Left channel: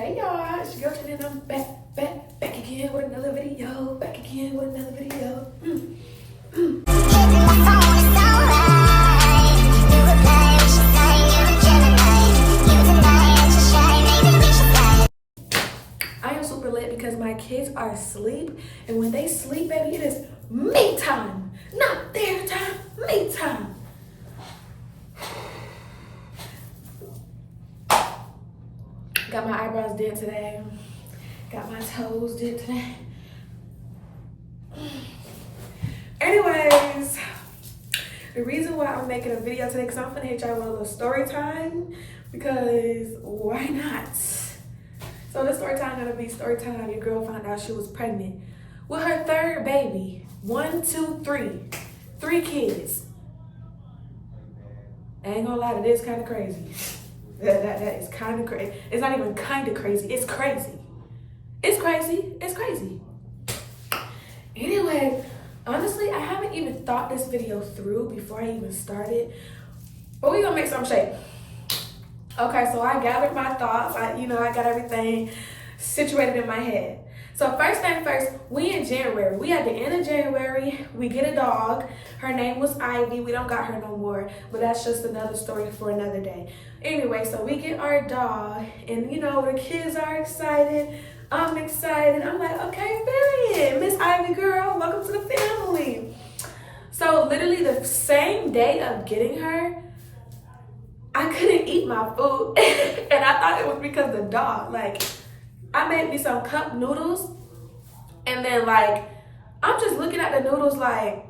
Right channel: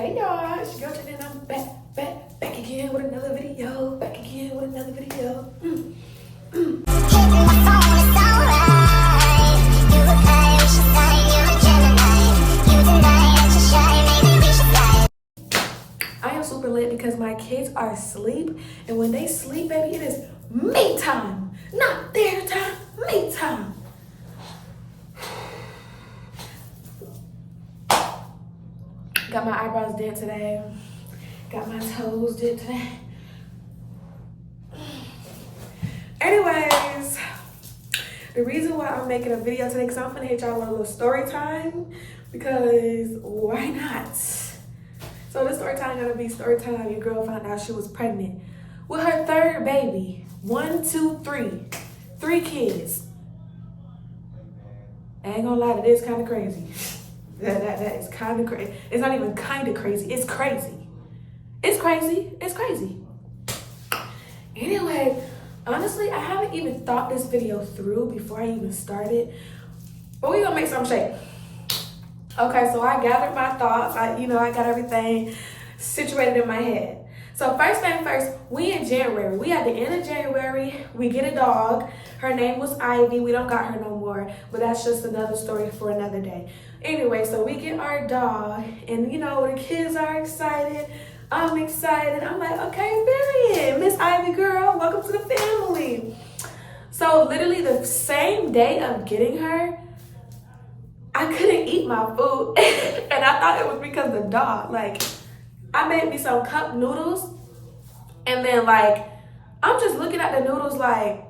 Hey y'all, it's your girl Jen and I'm back again with another video. Hitting my phone, it's alright. You reply, we should sign, you're a Gemini. You deny that you're shy, maybe we should fly. I am super lit because my kids are asleep, and when they sleep, baby, it is me time. Not their time, me time. Got my eyebrows did today. Got my toes did today. Anyways, the reason why I'm making a video today, because I'm gonna hit y'all with a little story time, because why not? So this story time gonna be story time. Your girl found out she was pregnant with her third baby. 1, 2, 3. 3 kids. I ain't gonna lie, that is kind of crazy. That is kind of crazy. It's not even kind of crazy. It's crazy. It's crazy. It's crazy. Anyway, honestly, I haven't even thought this video through before I even started. But we gonna make some shape. Okay, so I gathered my thoughts. I got everything situated in my head. So first thing first, we in January. We at the end of January. We get a dog. Her name was Ivy. We don't got her no more, but that's just another story for another day. Anyway, so we get our dog, and the kids are excited. I'm excited. I'm like, okay, period. Miss Ivy girl, welcome to the family. So literally the same day of getting her, I couldn't eat my food. And I thought it was because of the dog. Like, I made me some cup noodles, and then I'm just looking at the noodles like,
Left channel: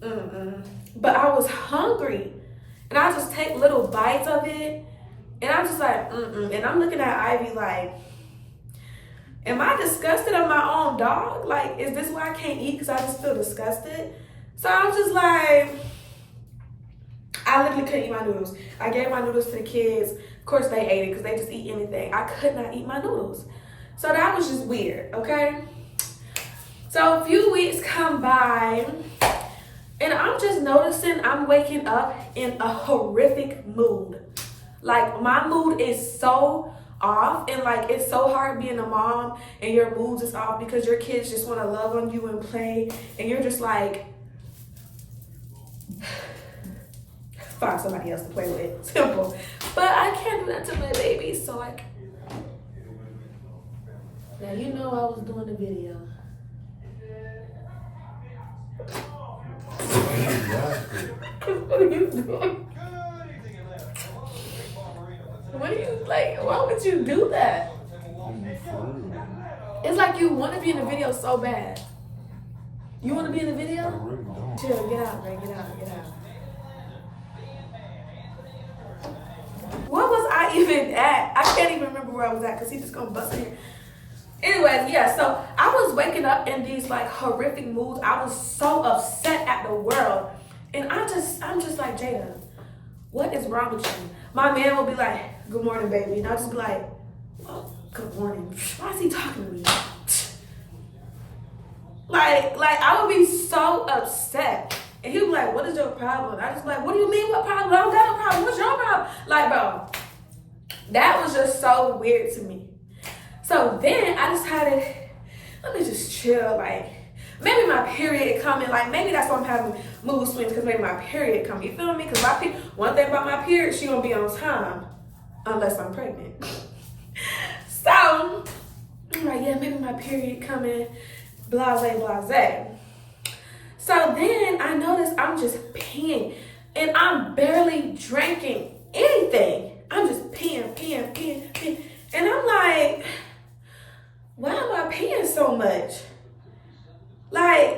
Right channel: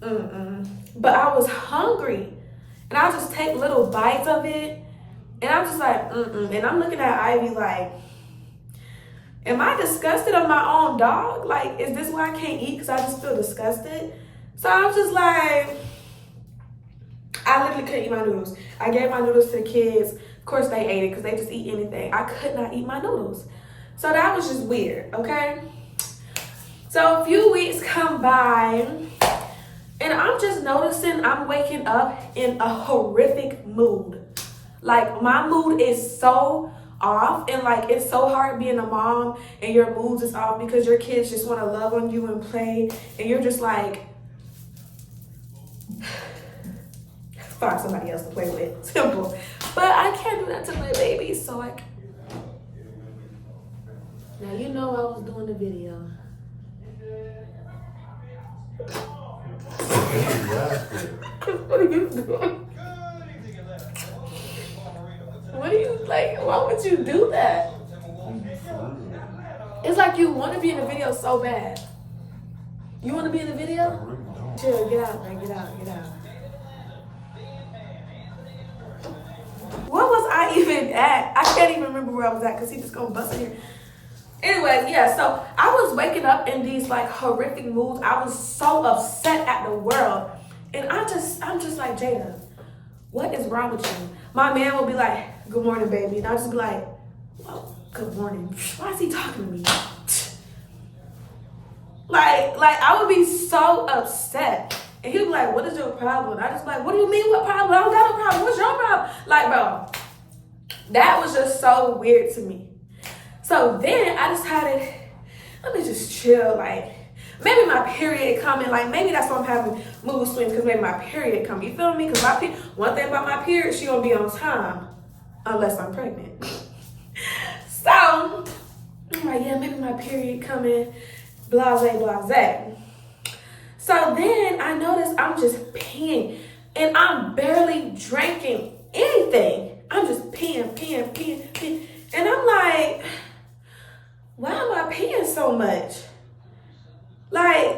But I was hungry, and I just take little bites of it, and I'm just like, And I'm looking at Ivy like, am I disgusted of my own dog? Like, is this why I can't eat because I just feel disgusted? So I'm just like, I literally couldn't eat my noodles. I gave my noodles to the kids. Of course they ate it because they just eat anything. I could not eat my noodles. So that was just weird, okay? So a few weeks come by, and I'm just noticing I'm waking up in a horrific mood. Like, my mood is so off, and it's so hard being a mom and your moods is off because your kids just want to love on you and play, and you're just like, find somebody else to play with. Simple. But I can't do that to my baby, so now I was doing the video. What are you doing? What do you why would you do that? It's like you want to be in the video so bad. You want to be in the video? Chill, get out, man, get out. What was I even at? I can't even remember where I was at because he just gonna bust in here. Anyways, yeah, so I was waking up in these horrific moods. I was so upset at the world. And I'm just like, Jada, what is wrong with you? My man will be like, good morning, baby. And I'll just be like, well, good morning. Why is he talking to me? I would be so upset. And he'd be like, what is your problem? I just be like, what do you mean, what problem? I don't got a problem. What's your problem? Bro, that was just so weird to me. So then I decided, let me just chill. Maybe my period coming. Maybe that's why I'm having mood swings, because maybe my period coming. You feel me? Because one thing about my period, she gonna be on time, unless I'm pregnant. So I'm like, yeah, maybe my period coming. Blase. So then I noticed I'm just peeing, and I'm barely drinking anything. I'm just peeing. And I'm like, why am I peeing so much?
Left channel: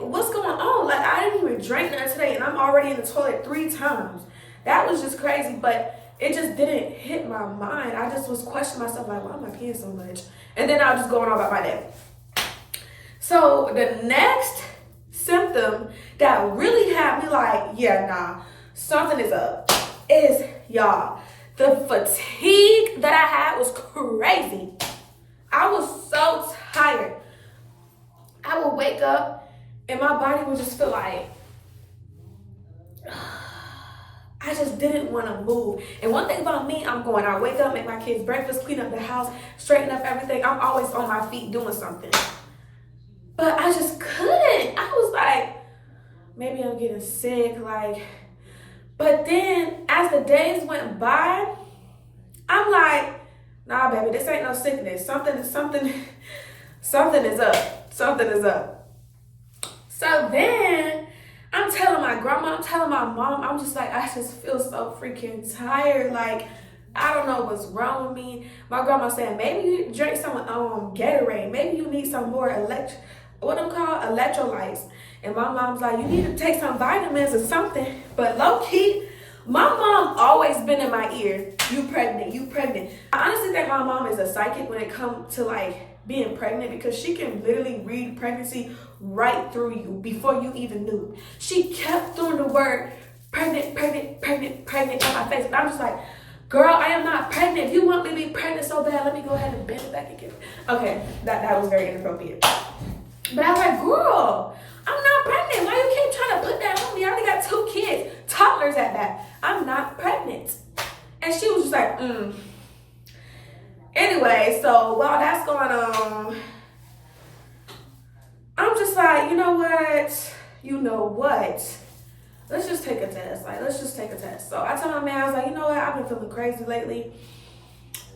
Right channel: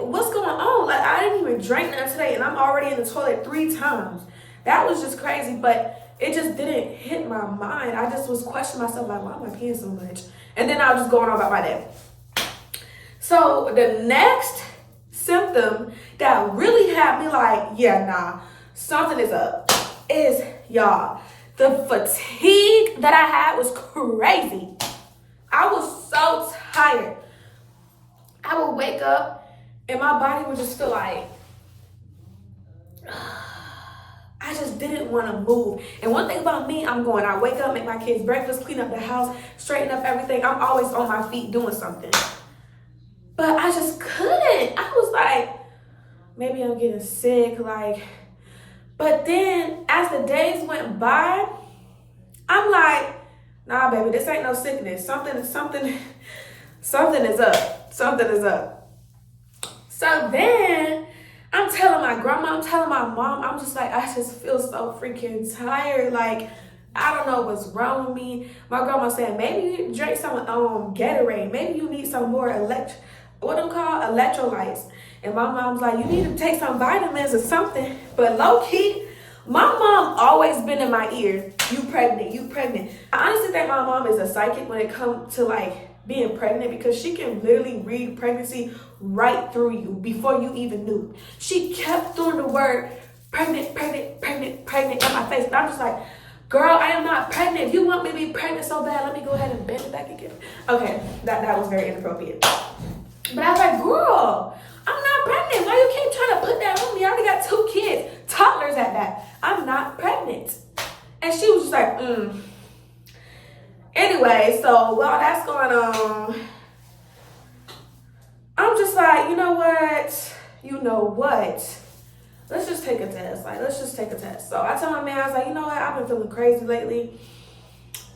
What's going on? I didn't even drink nothing today, and I'm already in the toilet 3 times. That was just crazy, but it just didn't hit my mind. I just was questioning myself, why am I peeing so much? And then I was just going on about my day. So the next symptom that really had me something is up, is, y'all, the fatigue that I had was crazy. I was so tired. I would wake up and my body would just feel I just didn't want to move. And one thing about me, I wake up, make my kids breakfast, clean up the house, straighten up everything. I'm always on my feet doing something. But I just couldn't. I was like, maybe I'm getting sick, but then as the days went by, I'm like, nah, baby, this ain't no sickness. Something is up. Something is up. So then I'm telling my grandma, I'm telling my mom, I'm just like, I just feel so freaking tired. Like, I don't know what's wrong with me. My grandma saying, maybe you need to drink some Gatorade. Maybe you need some more electrolytes. And my mom's like, you need to take some vitamins or something. But low key, my mom always been in my ear. You pregnant, you pregnant. I honestly think my mom is a psychic when it comes to being pregnant, because she can literally read pregnancy right through you before you even knew. She kept throwing the word pregnant, pregnant, pregnant, pregnant in my face. And I'm just like, girl, I am not pregnant. If you want me to be pregnant so bad, let me go ahead and bend it back again. Okay, that was very inappropriate. But I was like, girl, I'm not pregnant. Why you keep trying to put that on me? I already got 2 kids, toddlers at that. I'm not pregnant. And she was just like, Anyway, so while that's going on, I'm just like, you know what? Let's just take a test. Let's just take a test. So I tell my man, I was like, you know what? I've been feeling crazy lately.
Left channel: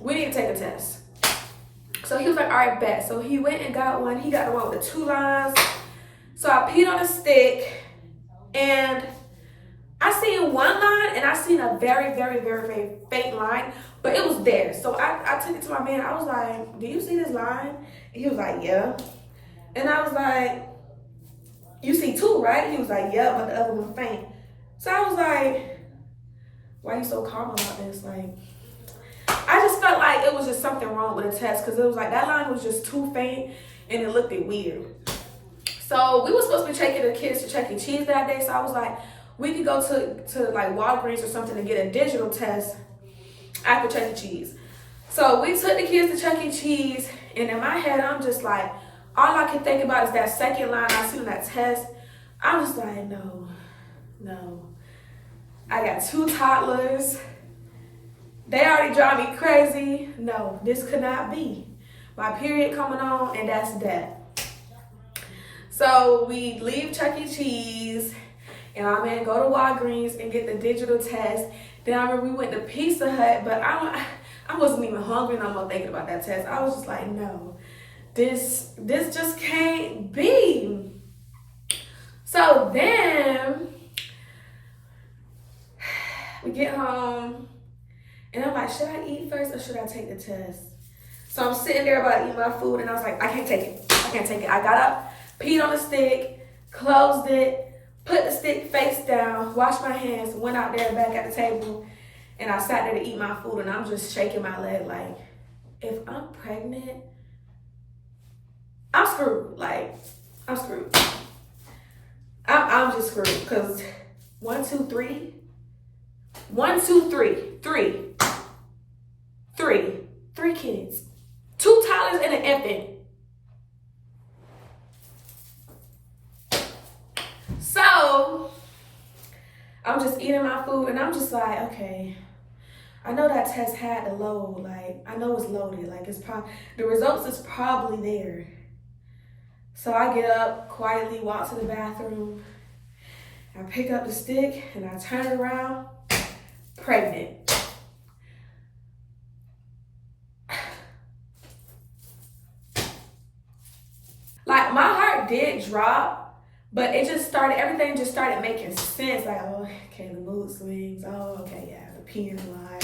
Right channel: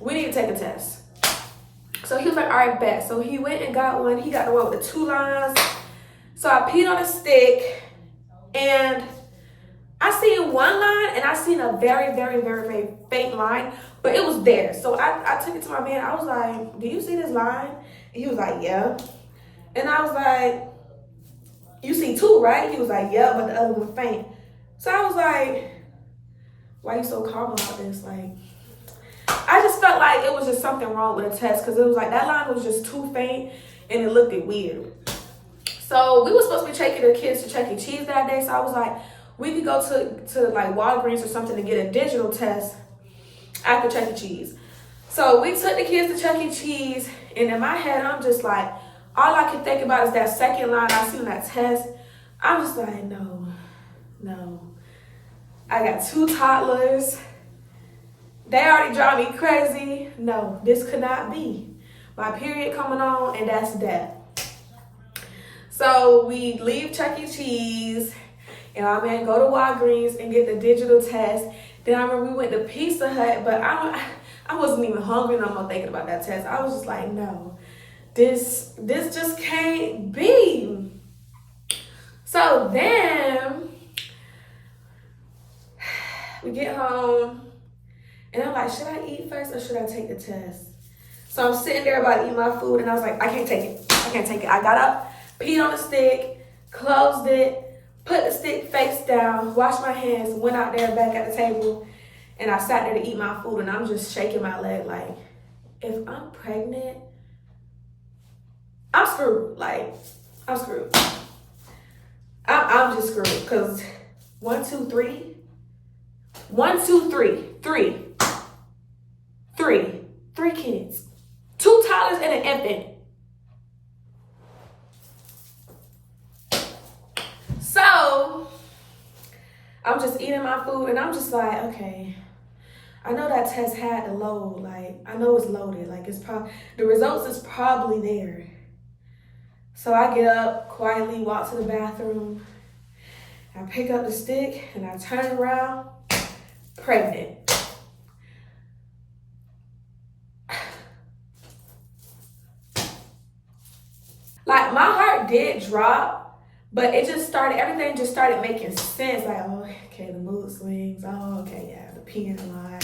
We need to take a test. So he was like, all right, bet. So he went and got one. He got the one with the 2 lines. So I peed on a stick, and I seen 1 line, and I seen a very, very, very, very faint line, but it was there. So I took it to my man. I was like, do you see this line? And he was like, yeah. And I was like, you see 2, right? He was like, yeah, but the other one faint. So I was like, why are you so calm about this? I just felt like it was just something wrong with the test, because it was like that line was just too faint and it looked weird. So we were supposed to be taking the kids to Chuck E. Cheese that day. So I was like, we could go to Walgreens or something to get a digital test after Chuck E. Cheese. So we took the kids to Chuck E. Cheese, and in my head, I'm just like, all I can think about is that second line I seen on that test. I'm just like, no. I got 2 toddlers. They already drive me crazy. No, this could not be. My period coming on, and that's that. So we leave Chuck E. Cheese, and my man go to Walgreens and get the digital test. Then I remember we went to Pizza Hut, but I wasn't even hungry no more thinking about that test. I was just like, no, this just can't be. So then we get home, and I'm like, should I eat first or should I take the test? So I'm sitting there about to eat my food, and I was like, I can't take it. I got up, peed on the stick, closed it, put the stick face down, washed my hands, went out there back at the table, and I sat there to eat my food, and I'm just shaking my leg like, if I'm pregnant, I'm screwed. I'm screwed. I'm just screwed, because 1, 2, 3. 1, 2, 3. 3 kids. 2 toddlers and an infant. So I'm just eating my food, and I'm just like, okay, I know that test had to load. I know it's loaded. It's probably, the results is probably there. So I get up, quietly walk to the bathroom. I pick up the stick, and I turn around, pregnant. My heart did drop, but everything just started making sense. Oh, okay, the mood swings. Oh, okay, yeah, the peeing line,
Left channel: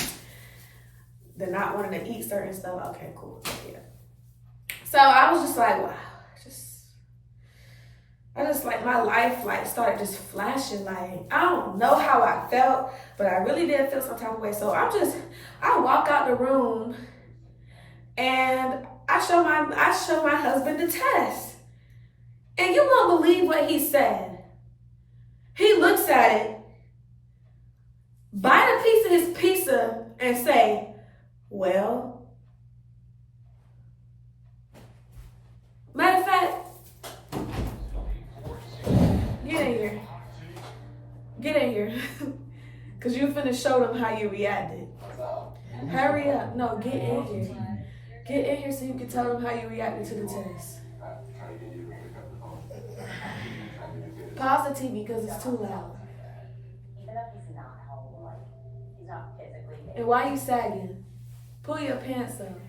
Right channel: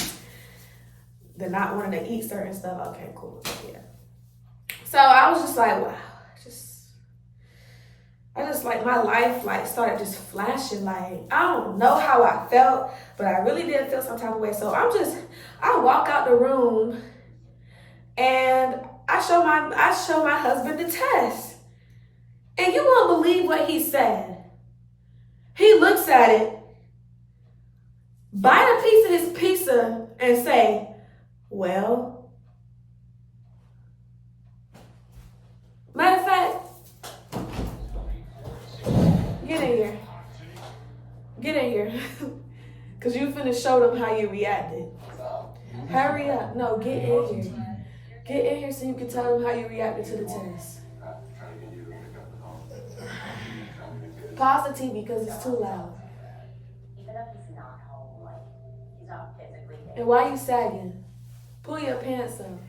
the not wanting to eat certain stuff. Okay, cool, yeah. So I was just like, wow, my life started just flashing. I don't know how I felt, but I really did feel some type of way. So I walk out the room, and I show my husband the test. And you won't believe what he said. He looks at it, bite a piece of his pizza, and say, well, matter of fact, get in here. Cause you finna show them how you reacted. Hurry up. No, get in here. Get in here so you can tell them how you reacted to the test. Pause the TV because it's too loud. And why you sagging? Pull your pants up.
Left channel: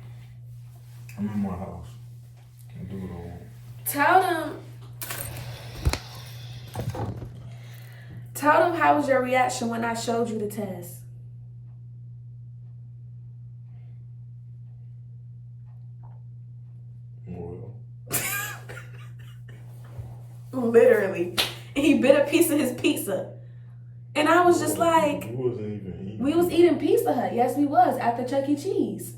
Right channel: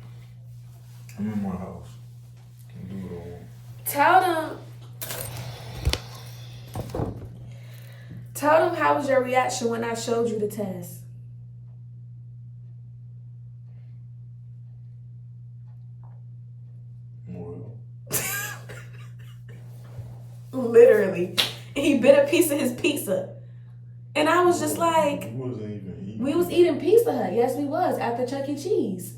I'm in my house. Can't do it all. Tell them how was your reaction when I showed you the test. Well, Literally. He bit a piece of his pizza. And I was just like, we wasn't even eating. we was eating Pizza Hut. Yes, we was at the Chuck E. Cheese.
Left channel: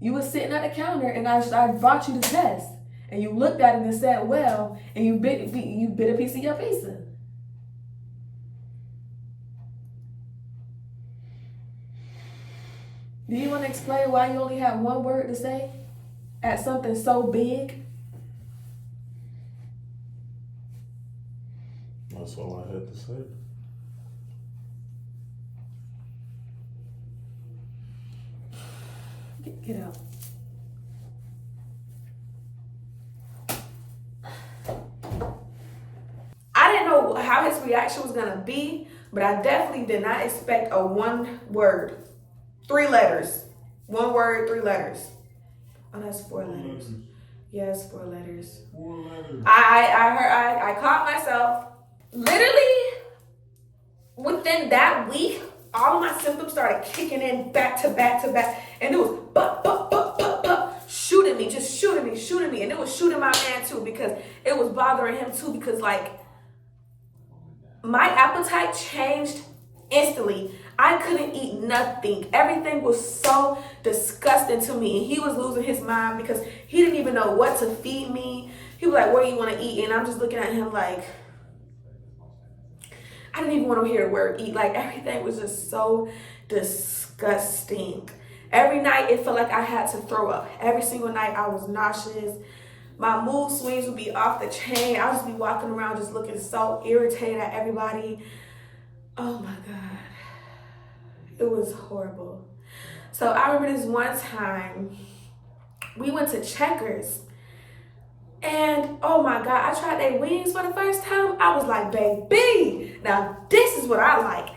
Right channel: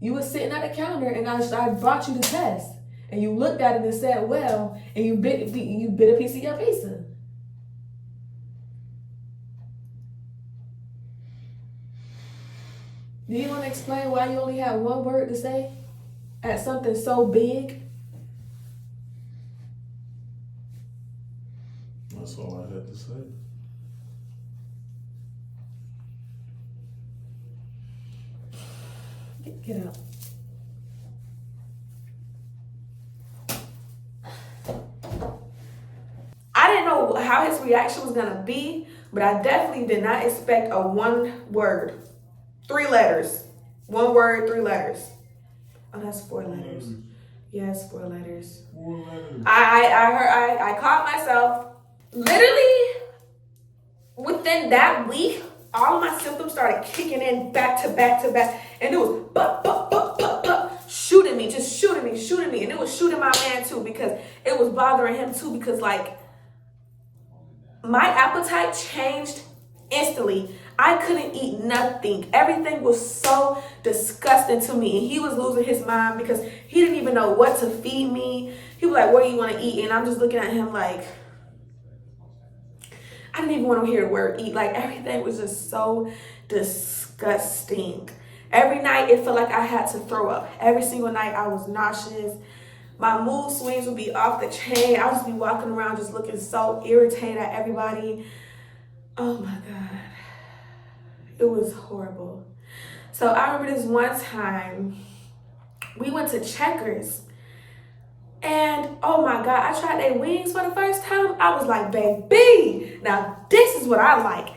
You was sitting at the counter and I brought you the test. And you looked at it and said, well, and you bit a piece of your pizza. Do you want to explain why you only had one word to say at something so big? That's all I had to say. Get out. I didn't know how his reaction was gonna be, but I definitely did not expect a 1 word, 3 letters. 1 word, 3 letters. Oh, that's 4 letters. Yes, 4 letters. 4 letters. I caught myself. Literally, within that week, all my symptoms started kicking in back to back to back. And it was shooting me, just shooting me. And it was shooting my man too, because it was bothering him too, because like my appetite changed instantly. I couldn't eat nothing. Everything was so disgusting to me. And he was losing his mind because he didn't even know what to feed me. He was like, what do you want to eat? And I'm just looking at him like, I didn't even want to hear the word eat. Like everything was just so disgusting. Every night it felt like I had to throw up. Every single night I was nauseous. My mood swings would be off the chain. I would just be walking around just looking so irritated at everybody. Oh my God. It was horrible. So I remember this one time we went to Checkers. And oh my God, I tried their wings for the first time. I was like, baby, now this is what I like.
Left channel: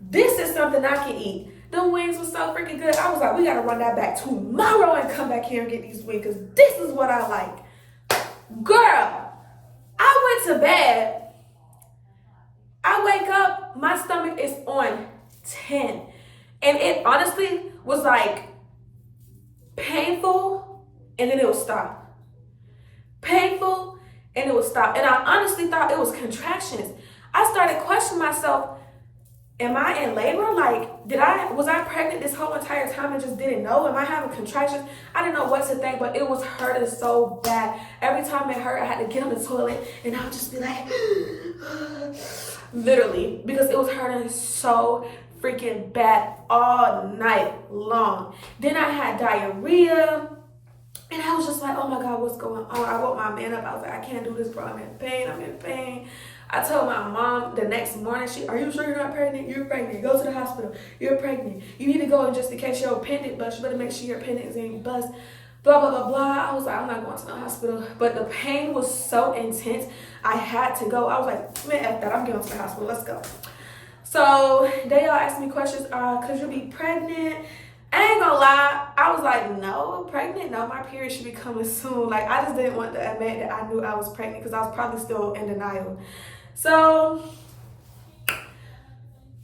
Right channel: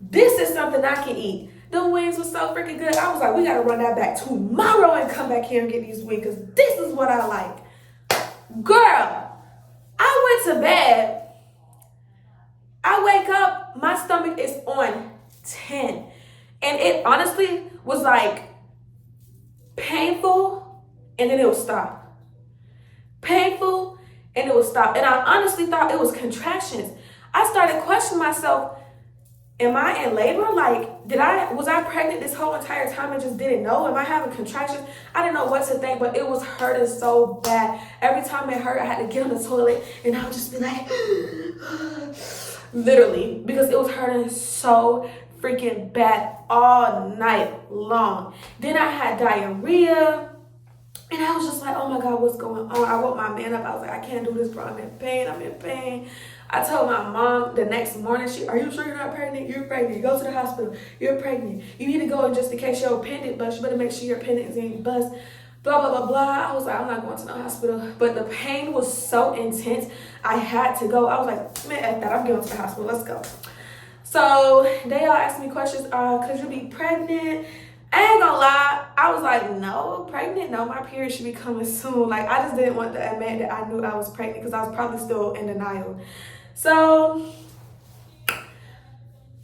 This is something I can eat. Them wings were so freaking good. I was like, we gotta run that back tomorrow and come back here and get these wings, because this is what I like. Girl, I went to bed. I wake up, my stomach is on 10. And it honestly was like painful, and then it would stop. Painful, and it would stop. And I honestly thought it was contractions. I started questioning myself, am I in labor? Like, was I pregnant this whole entire time and just didn't know? Am I having contractions? I didn't know what to think, but it was hurting so bad. Every time it hurt, I had to get on the toilet and I would just be like, literally, because it was hurting so freaking bad all night long. Then I had diarrhea. And I was just like, oh my God, what's going on? I woke my man up. I was like, I can't do this, bro. I'm in pain. I told my mom the next morning, are you sure you're not pregnant? You're pregnant. Go to the hospital. You're pregnant. You need to go in just in case your appendix bust. You better make sure your appendix ain't bust. Blah, blah, blah, blah. I was like, I'm not going to no hospital. But the pain was so intense, I had to go. I was like, man, F that. I'm going to the hospital. Let's go. So they all asked me questions. Could you be pregnant? I ain't gonna lie, I was like, no, pregnant? No, my period should be coming soon. Like, I just didn't want to admit that I knew I was pregnant because I was probably still in denial. So,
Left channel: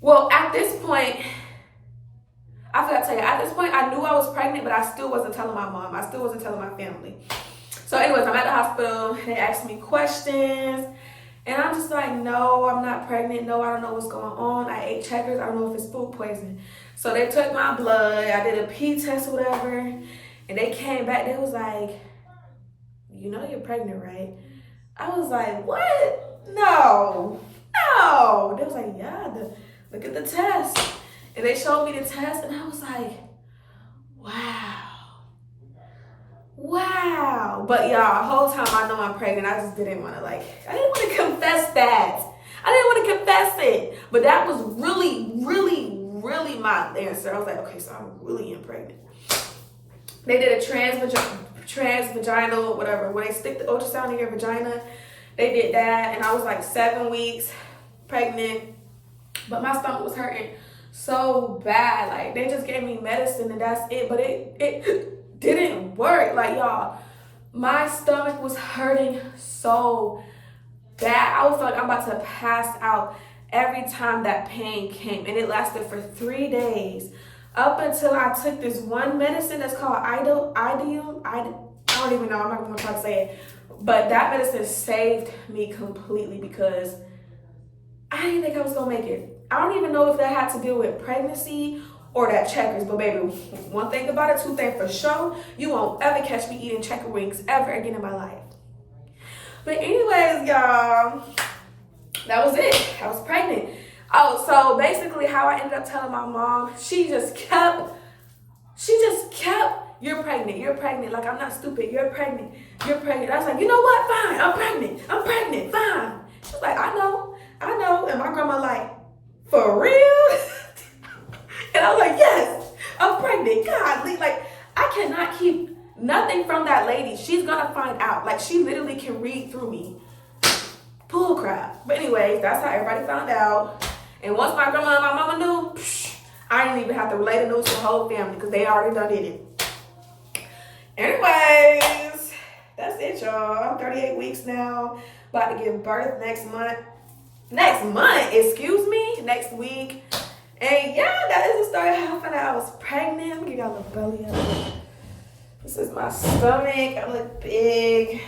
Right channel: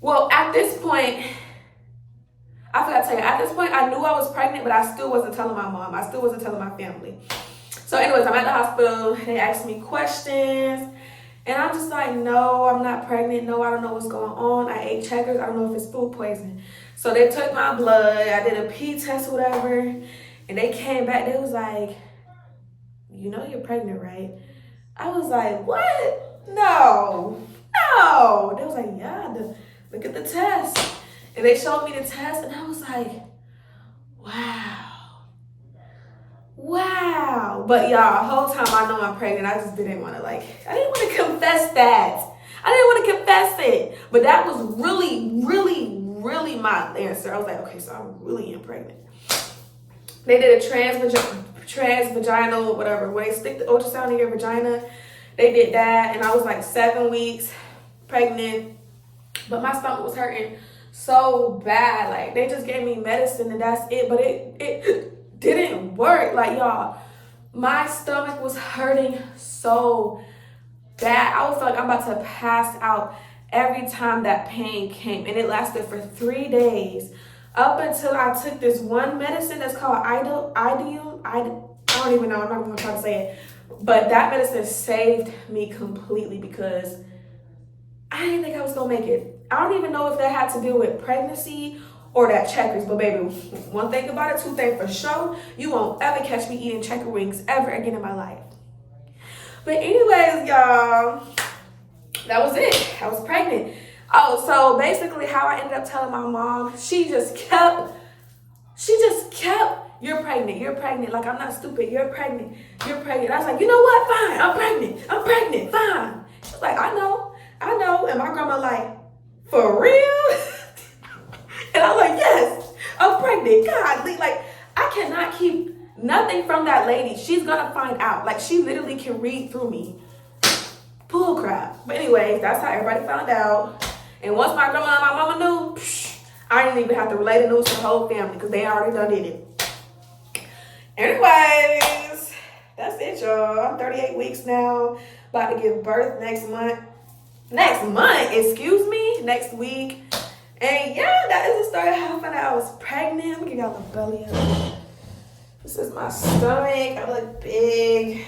well, at this point, I forgot to tell you, at this point, I knew I was pregnant, but I still wasn't telling my mom. I still wasn't telling my family. So anyways, I'm at the hospital. They asked me questions. And I'm just like, no, I'm not pregnant. No, I don't know what's going on. I ate Checkers. I don't know if it's food poisoning. So they took my blood. I did a pee test or whatever. And they came back. They was like, you know you're pregnant, right? I was like, what? No. They was like, yeah, look at the test. And they showed me the test. And I was like, wow. But y'all, the whole time I know I'm pregnant, I just didn't want to I didn't want to confess that. I didn't want to confess it. But that was really my answer. I was like, okay, so I really am pregnant. They did a transvaginal, whatever, where they stick the ultrasound in your vagina. They did that, and I was like 7 weeks pregnant, but my stomach was hurting so bad. Like, they just gave me medicine and that's it, but it didn't work. Like, y'all, my stomach was hurting so bad. I was like, I'm about to pass out every time that pain came, and it lasted for 3 days. Up until I took this one medicine that's called Idium. I don't even know. I'm not going to try to say it. But that medicine saved me completely because I didn't think I was going to make it. I don't even know if that had to do with pregnancy or that Checkers. But baby, one thing about it, two things for sure. You won't ever catch me eating Checker wings ever again in my life. But anyways, y'all, that was it. I was pregnant. Oh, so basically how I ended up telling my mom, she just kept, you're pregnant. Like, I'm not stupid. You're pregnant. I was like, you know what? Fine. I'm pregnant. Fine. She was like, I know. And my grandma like, for real? And I was like, yes, I'm pregnant. God, like, I cannot keep nothing from that lady. She's gonna find out. Like, she literally can read through me. Bull crap. But anyways, that's how everybody found out. And once my grandma and my mama knew, I didn't even have to relay the news to the whole family because they already done did it. Anyways, that's it, y'all. I'm 38 weeks now. About to give birth next month. Next week. And yeah, that is the story of how I found out I was pregnant. Let me give y'all a belly up. This is my stomach. I look big.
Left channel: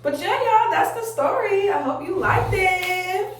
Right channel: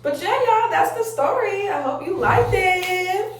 But yeah, y'all, that's the story. I hope you liked it.